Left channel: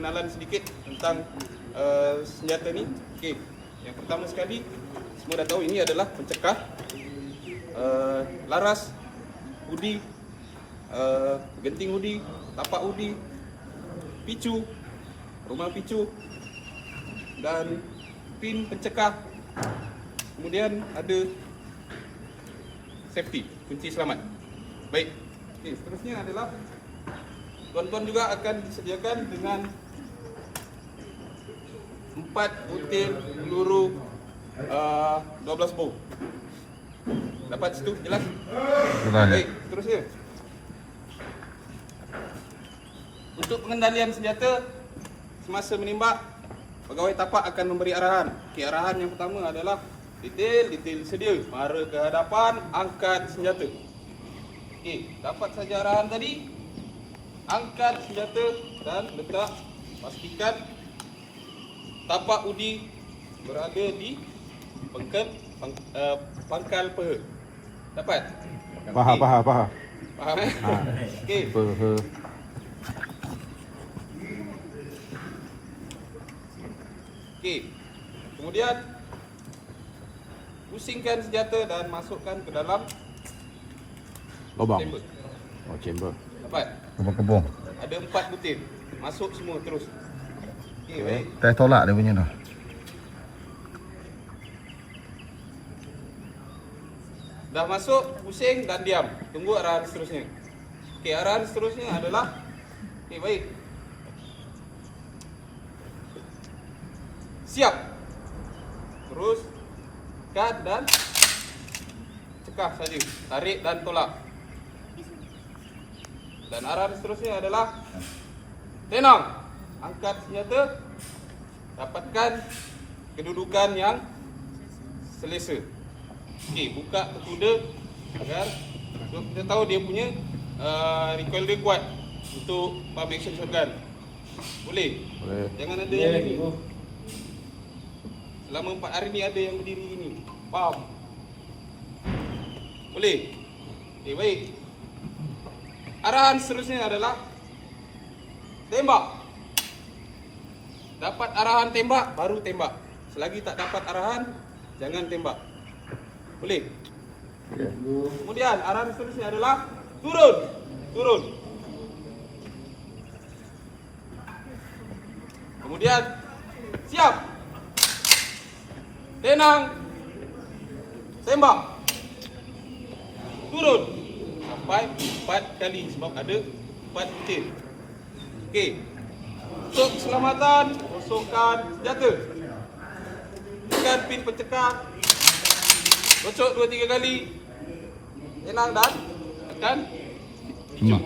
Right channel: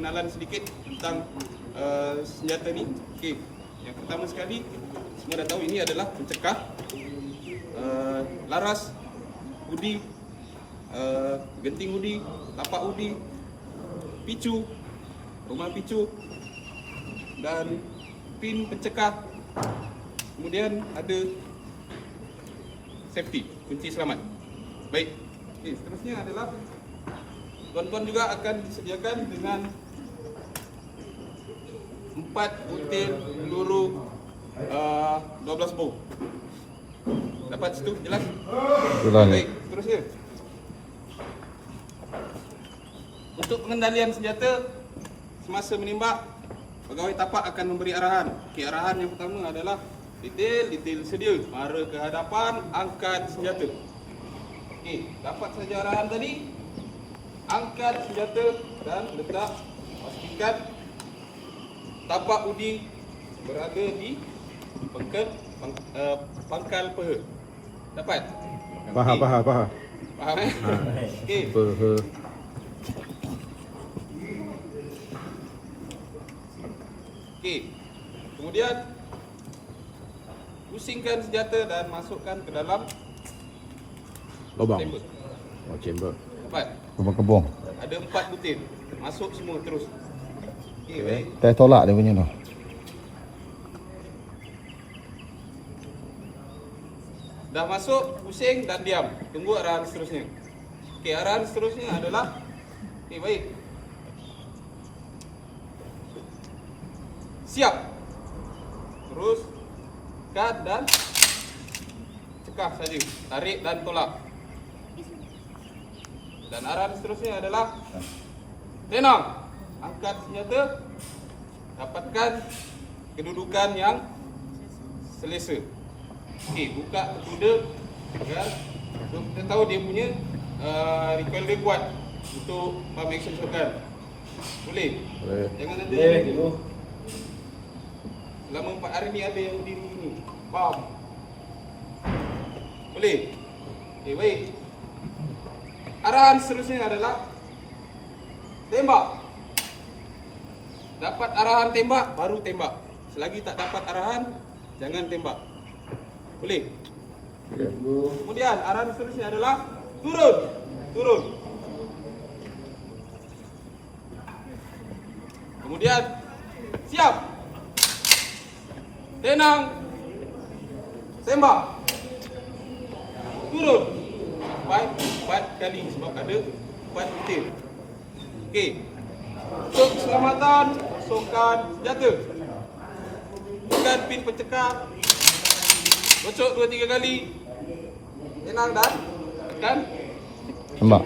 pengenalan sedikit tentang senjata ni. Okey, yang pertama sekali, semua dah tahu ini adalah pencekah, laras, udi, genting udi, tapak udi, picu, rumah picu dan pin pencekah. Kemudian ada safety, kunci selamat. Baik. Okey, seterusnya adalah tuan-tuan juga akan disediakan dengan 4 butir peluru 12 bor. Dapat situ jelas? Baik, seterusnya. Untuk pengendalian senjata semasa menembak, pegawai tapak akan memberi arahan. Okey, arahan yang pertama adalah detail sedia, mara ke hadapan, angkat senjata. Okey, dapat saja arahan tadi, angkat senjata dan letak, pastikan tapak udi berada di pangkal peha. Dapat? Faham. Faham eh? Okey. Peha. Okey. Kemudian pusingkan senjata dan masukkan ke dalam Lubang. chamber. Oh, chamber. Dapat? Kebong-kebong. Ada 4 butir. Masuk semua terus. Okey, baik. Teh tolak dia punya tu. Dah masuk, pusing dan diam. Tunggu arahan seterusnya. Okey, arahan seterusnya adalah okey, baik. Siap. Terus cut dan cekah saja. Tarik dan tolak. Dan arahan seterusnya adalah tenang. Angkat senjata. Dapatkan kedudukan yang selesa. Okey, buka kuda agar kita tahu dia punya recoil dia kuat untuk pump action shotgun. Boleh? Boleh. Jangan ada yang ni. Selama 4 hari ni ada yang berdiri ni. Faham? Boleh? Okey, baik. Arahan seterusnya adalah tembak. Dapat arahan tembak, baru tembak. Selagi tak dapat arahan, jangan tembak. Boleh? Okay. Kemudian arahan seterusnya adalah turun. Turun. Kemudian siap. Tenang. Tembak. Turun. 4 kali sebab ada 4 butir. Okey. Untuk keselamatan, masukkan senjata. Tekan pin pencekah. Gocok 2-3 kali. Tenang dan tekan. Tembak.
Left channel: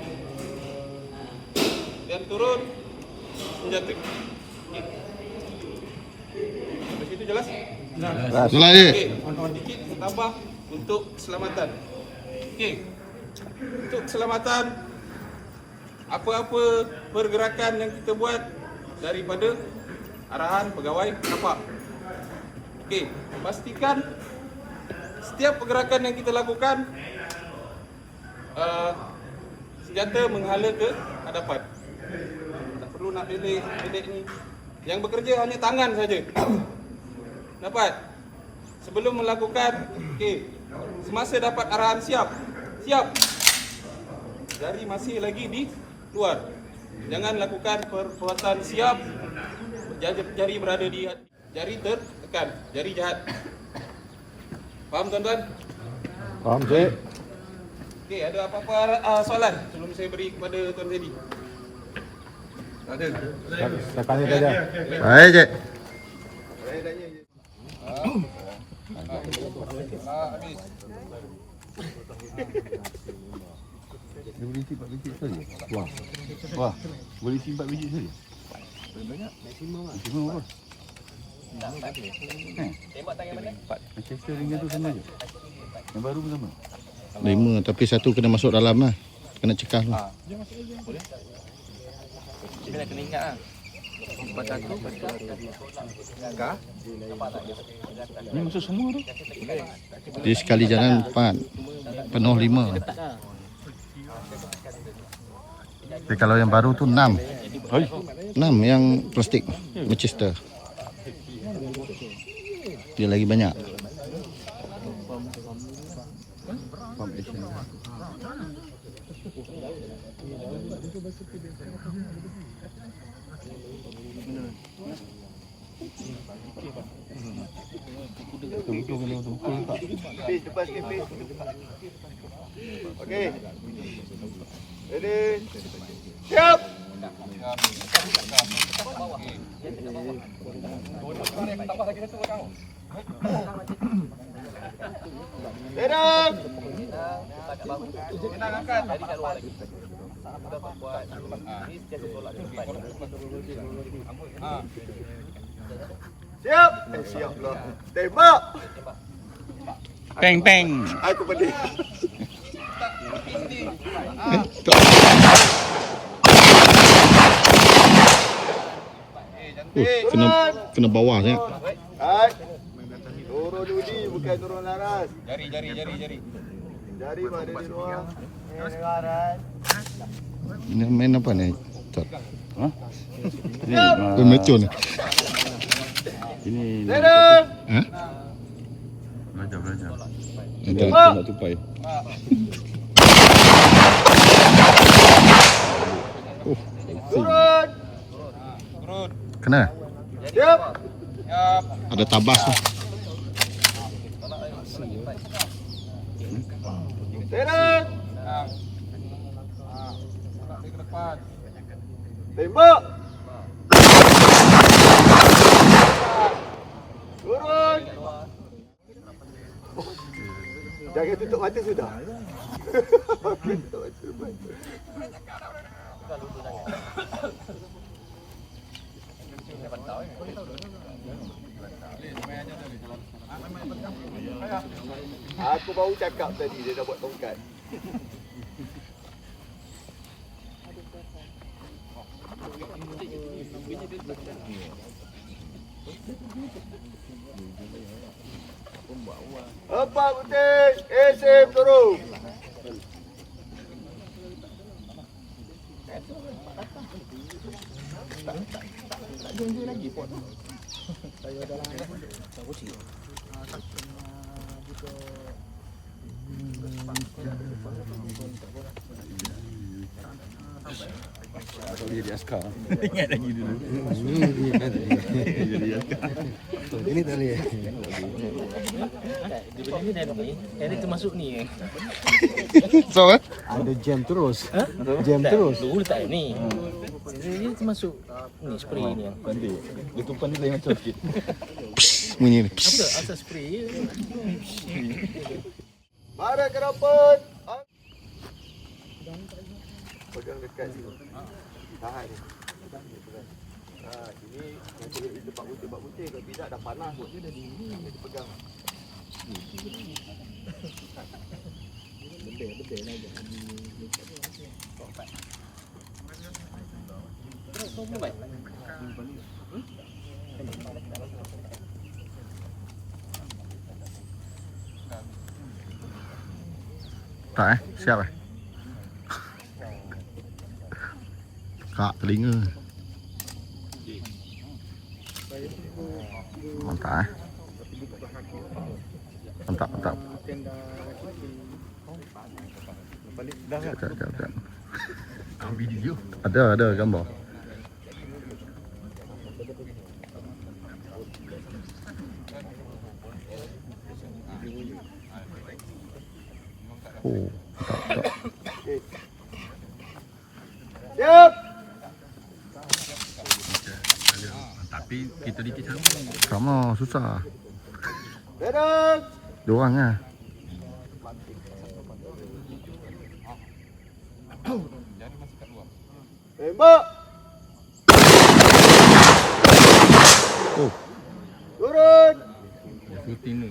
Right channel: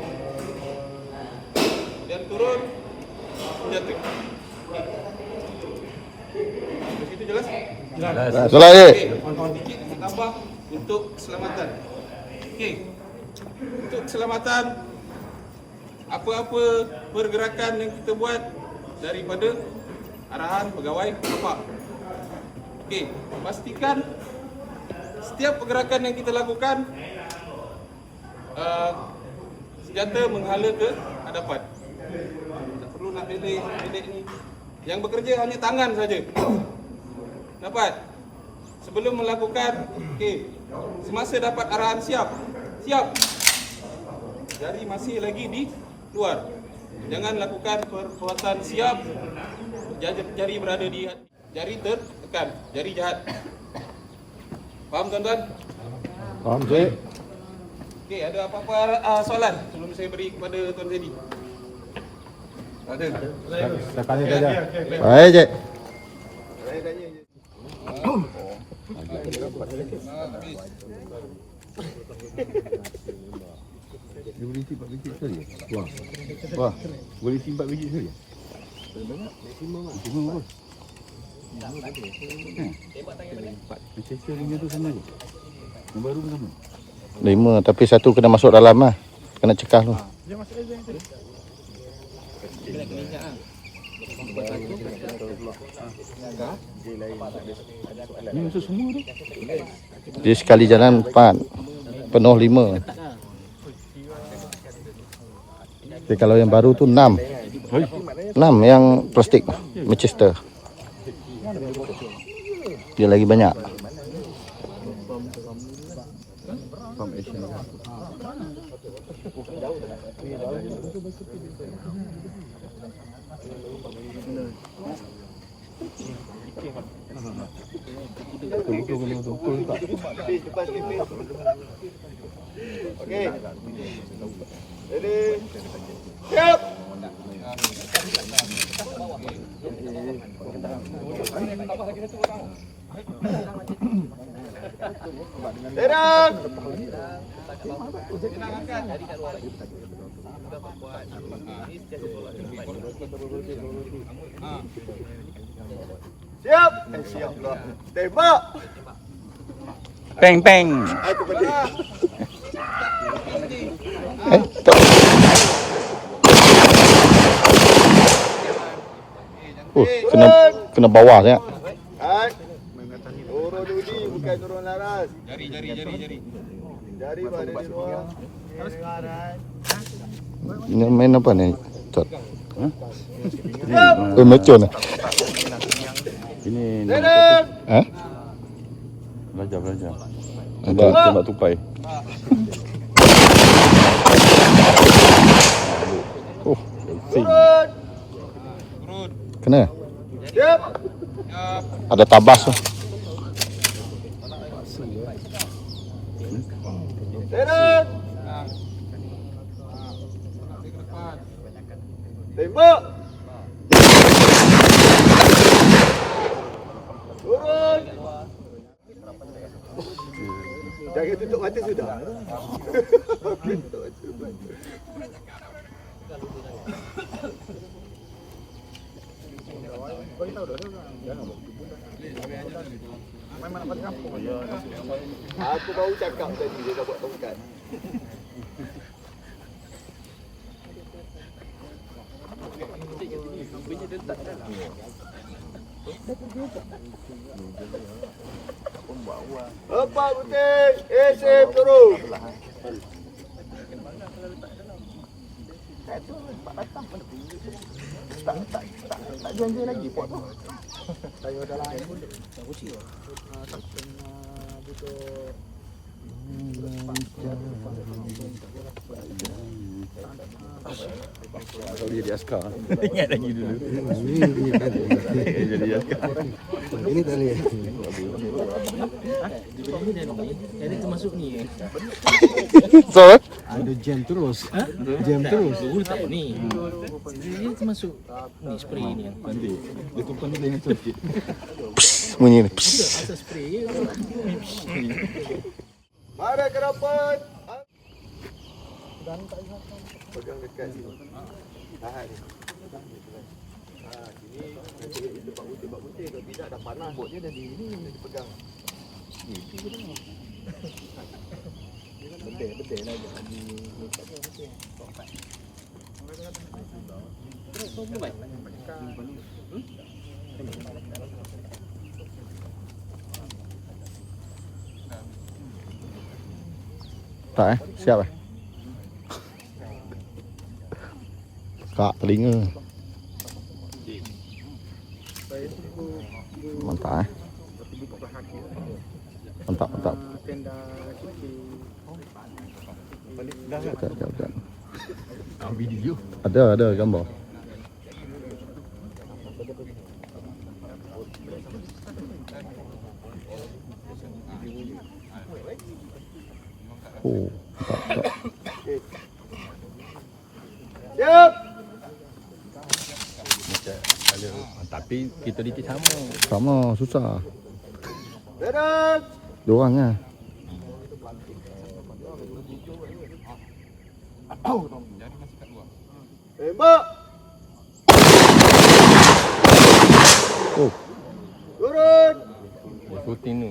Dan turun senjata. Okey. Dari situ jelas? Jelas. Solat je. Okey, sedikit tambah untuk keselamatan. Okey. Untuk keselamatan, apa-apa pergerakan yang kita buat daripada arahan pegawai tapak. Okey, pastikan setiap pergerakan yang kita lakukan senjata menghala ke hadapan. Tak perlu nak belek ni. Yang bekerja hanya tangan saja. Dapat? Sebelum melakukan, okey, semasa dapat arahan siap. Siap. Jari masih lagi di luar. Jangan lakukan perbuatan siap. Jari berada di jari tertekan, jari jahat. Faham tuan-tuan? Faham, Cik? Okey, ada apa-apa soalan sebelum saya beri kepada Tuan Zedi? Tak ada. Saya tanya saja. Baik, Cik. Saya tanya je. Habis. Dia boleh simpan biji sekali? Wah. Boleh simpan biji sekali? Banyak? Maksimum apa? Manchester dengan tu sama je? Yang baru pun sama? 5, tapi satu kena masuk dalam lah. Kena cekah tu. Kena ingat lah. Buat satu. Cekah. Ni musuh semua tu? Dia sekali jalan 4, penuh 5. Tapi kalau yang baru tu 6. Hoi. 6 yang plastik Manchester. Dia lagi banyak. Pump action. Betul kena betul tak? Depan TV. Okey. Ready. Siap. Derang. Siap. Siap lah. Tembak. Peng peng. Aku pedih. Kena bawah saya. Hai. Turun Udi bukan turun laras. Jari. Jari pada di luar. Dengaran. Ini main apa ni? Cot. Macam ni. Ini Derang. Eh? belajar. Ada. Tembak tupai. Oh, Turun. kena. Siap. Ada tabas tu. Derang. Tembak. Turun. Jangan tutup mata sudah. Okey, tutup mata. Aku baru cakap tadi dia dah buat tongkat. Empat putih, SM turun. Kalau dia jadi askar. Ingat lagi dulu. Jadi askar. Ini tak boleh. Ini termasuk ni. So, Ada jam terus. Jam terus. Dulu tak ni. Dia termasuk ni spray ni. Nanti dia tumpan ni dengan sikit. bunyi ni. Apa asal spray? Mari ke rapat. Pegang dekat sini. Tahan ni. Sini nanti kita bak putih kalau tidak dah panas pun dia dah dingin dia pegang. Betul lagi. Tak siap Kak telinga. Mantap Mantap. Sekejap. Video. Ada gambar. Oh, mantap. Siap. Tapi kita dikit sama. Sama susah. Derang. Dua orang lah. Tembak. Oh, Turun. Shooting ni.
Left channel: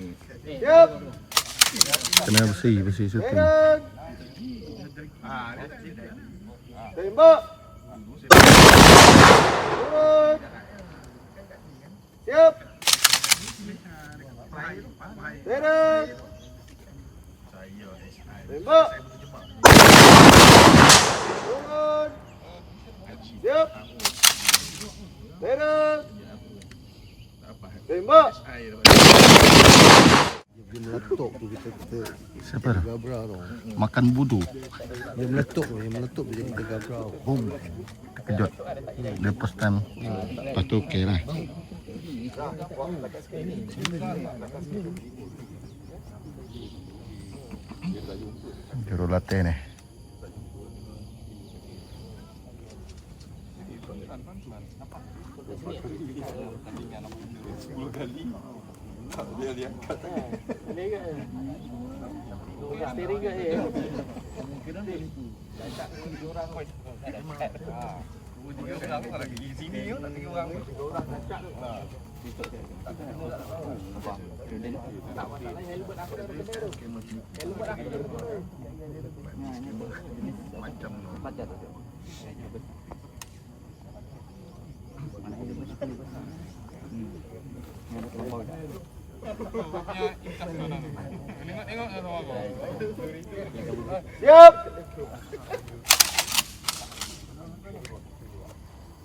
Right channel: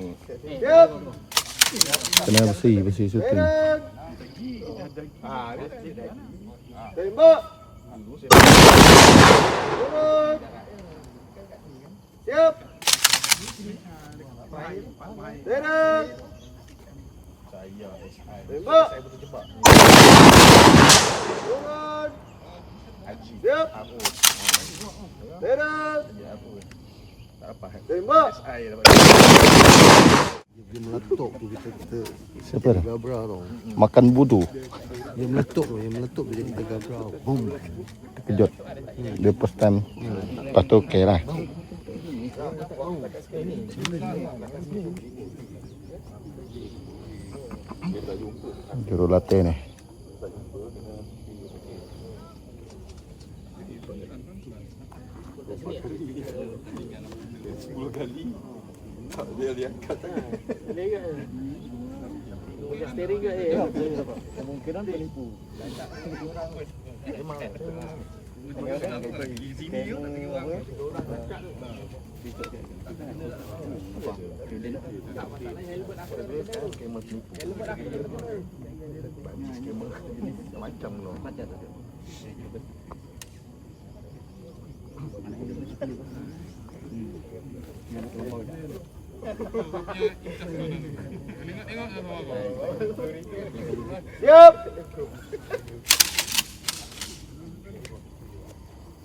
Siap. kena bersih syuting. Derang. Tembak. Turun. Siap. Derang. Tembak. Turun. Siap. Tembak. Tembak. Dia meletup tu kita Siapa tu? gabra tau. Makan budu. Dia meletup dia jadi kita gabra. Boom. Terkejut. Dia first time. Lepas tu okey lah. Jurulatih ni. Siap.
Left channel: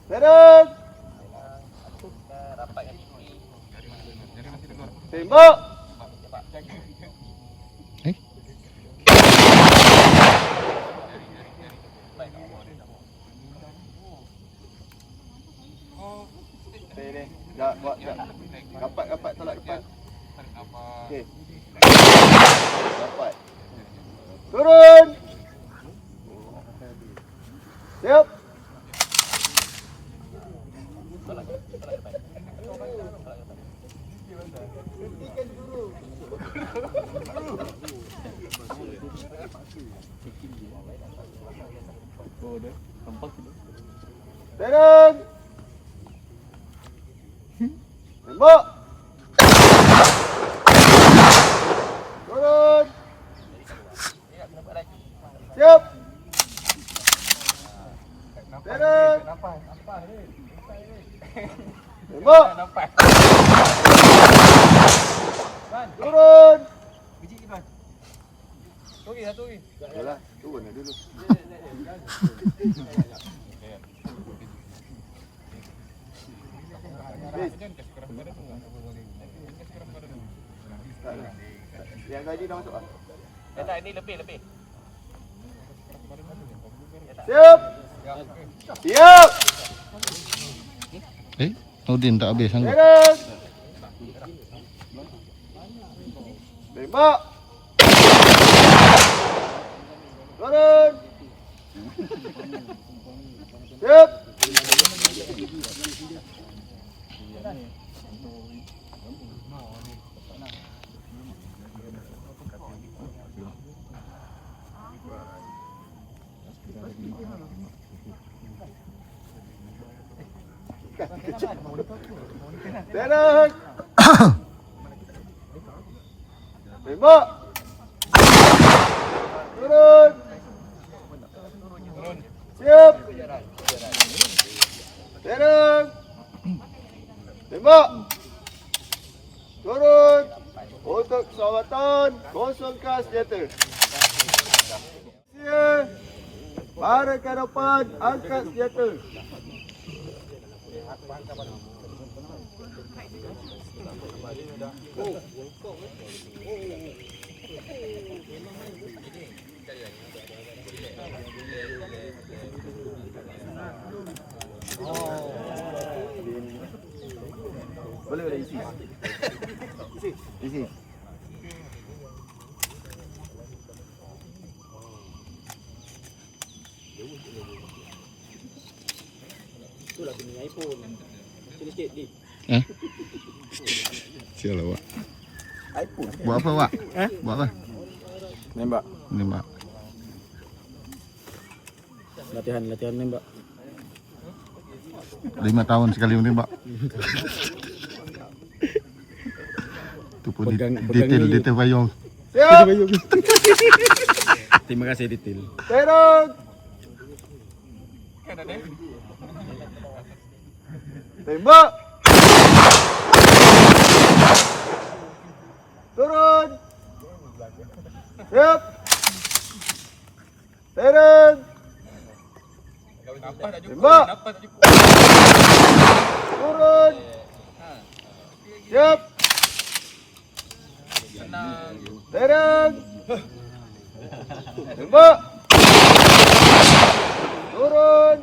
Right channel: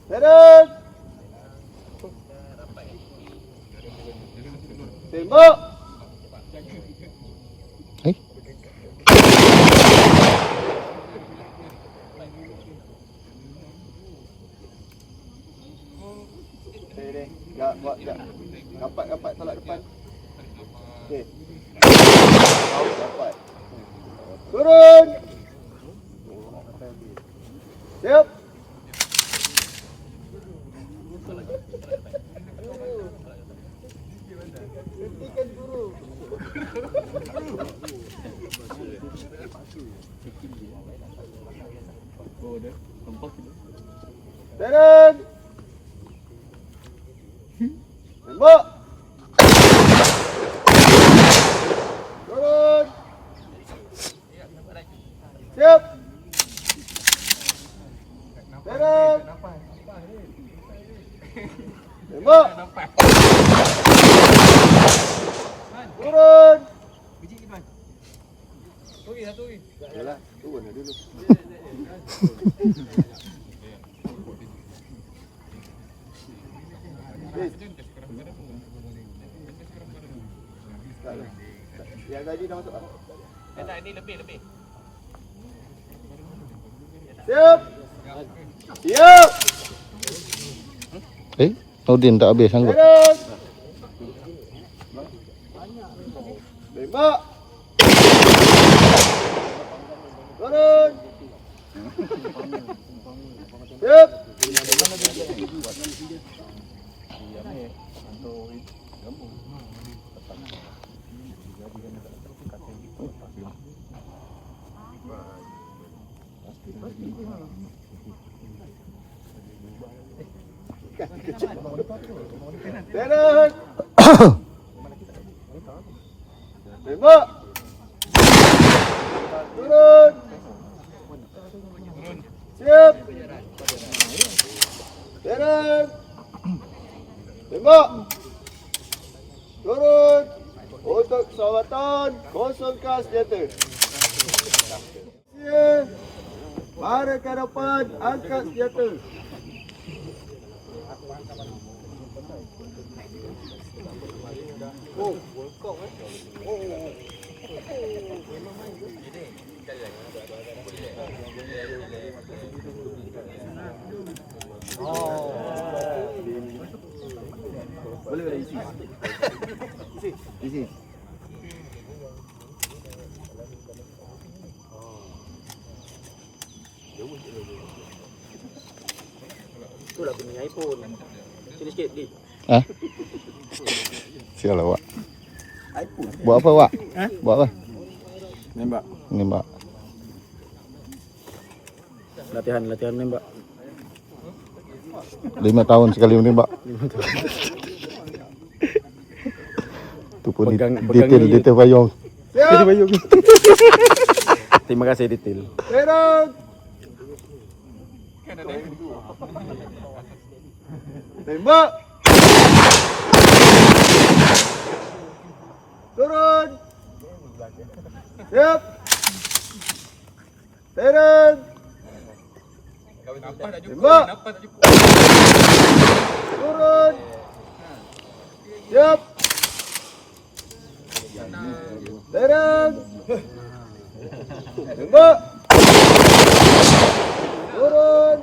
Beres. Tembak. Eh? Ya, buat ya. Dapat tolak depan. Okey. Dapat. Turun. Siap. Hentikan guru. Turun. Tembak. Turun. Siap. Turun. Tembak. Turun. Yalah, turun dia dulu. Yang tadi dah masuk ah. Tak, ini lebih. Siap. Siap. Eh? Nordin tak habis sanggup. Beres. Tembak. Turun. Siap. Beres. Tembak. Turun. Siap. Beres. Tembak. Turun. Untuk keselamatan, kosongkan senjata. Siap. Mari ke depan, angkat senjata. Boleh isi. Isi. Itulah punya iPhone. Sini sikit lagi. Ha? Sial awak. iPhone. Buat apa awak? Buat apa? Nembak. Nembak. Latihan nembak. 5 tahun sekali menembak. Tu pun detail payung. Siap. Terima kasih detail. Terang. Tembak. Turun. Siap. Terang. Tembak. Tembak. Turun.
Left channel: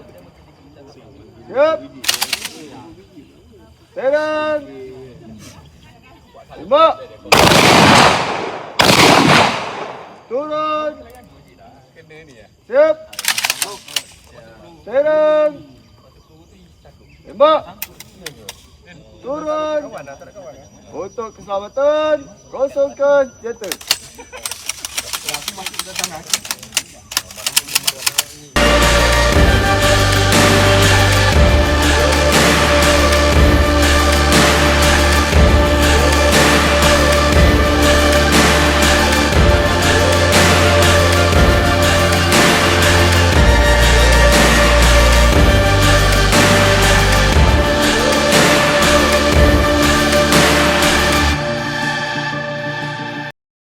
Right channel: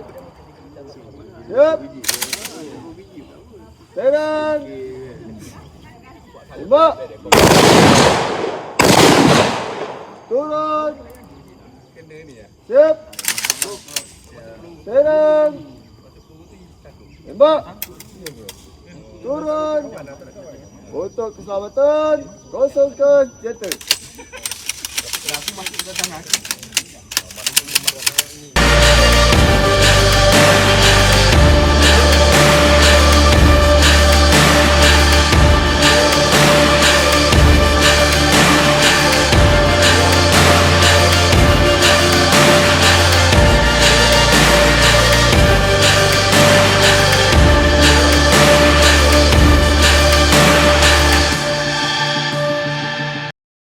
Siap. Serang. Tembak. Turun. Siap. Serang. Tembak. Turun. Untuk keselamatan, kosongkan senjata.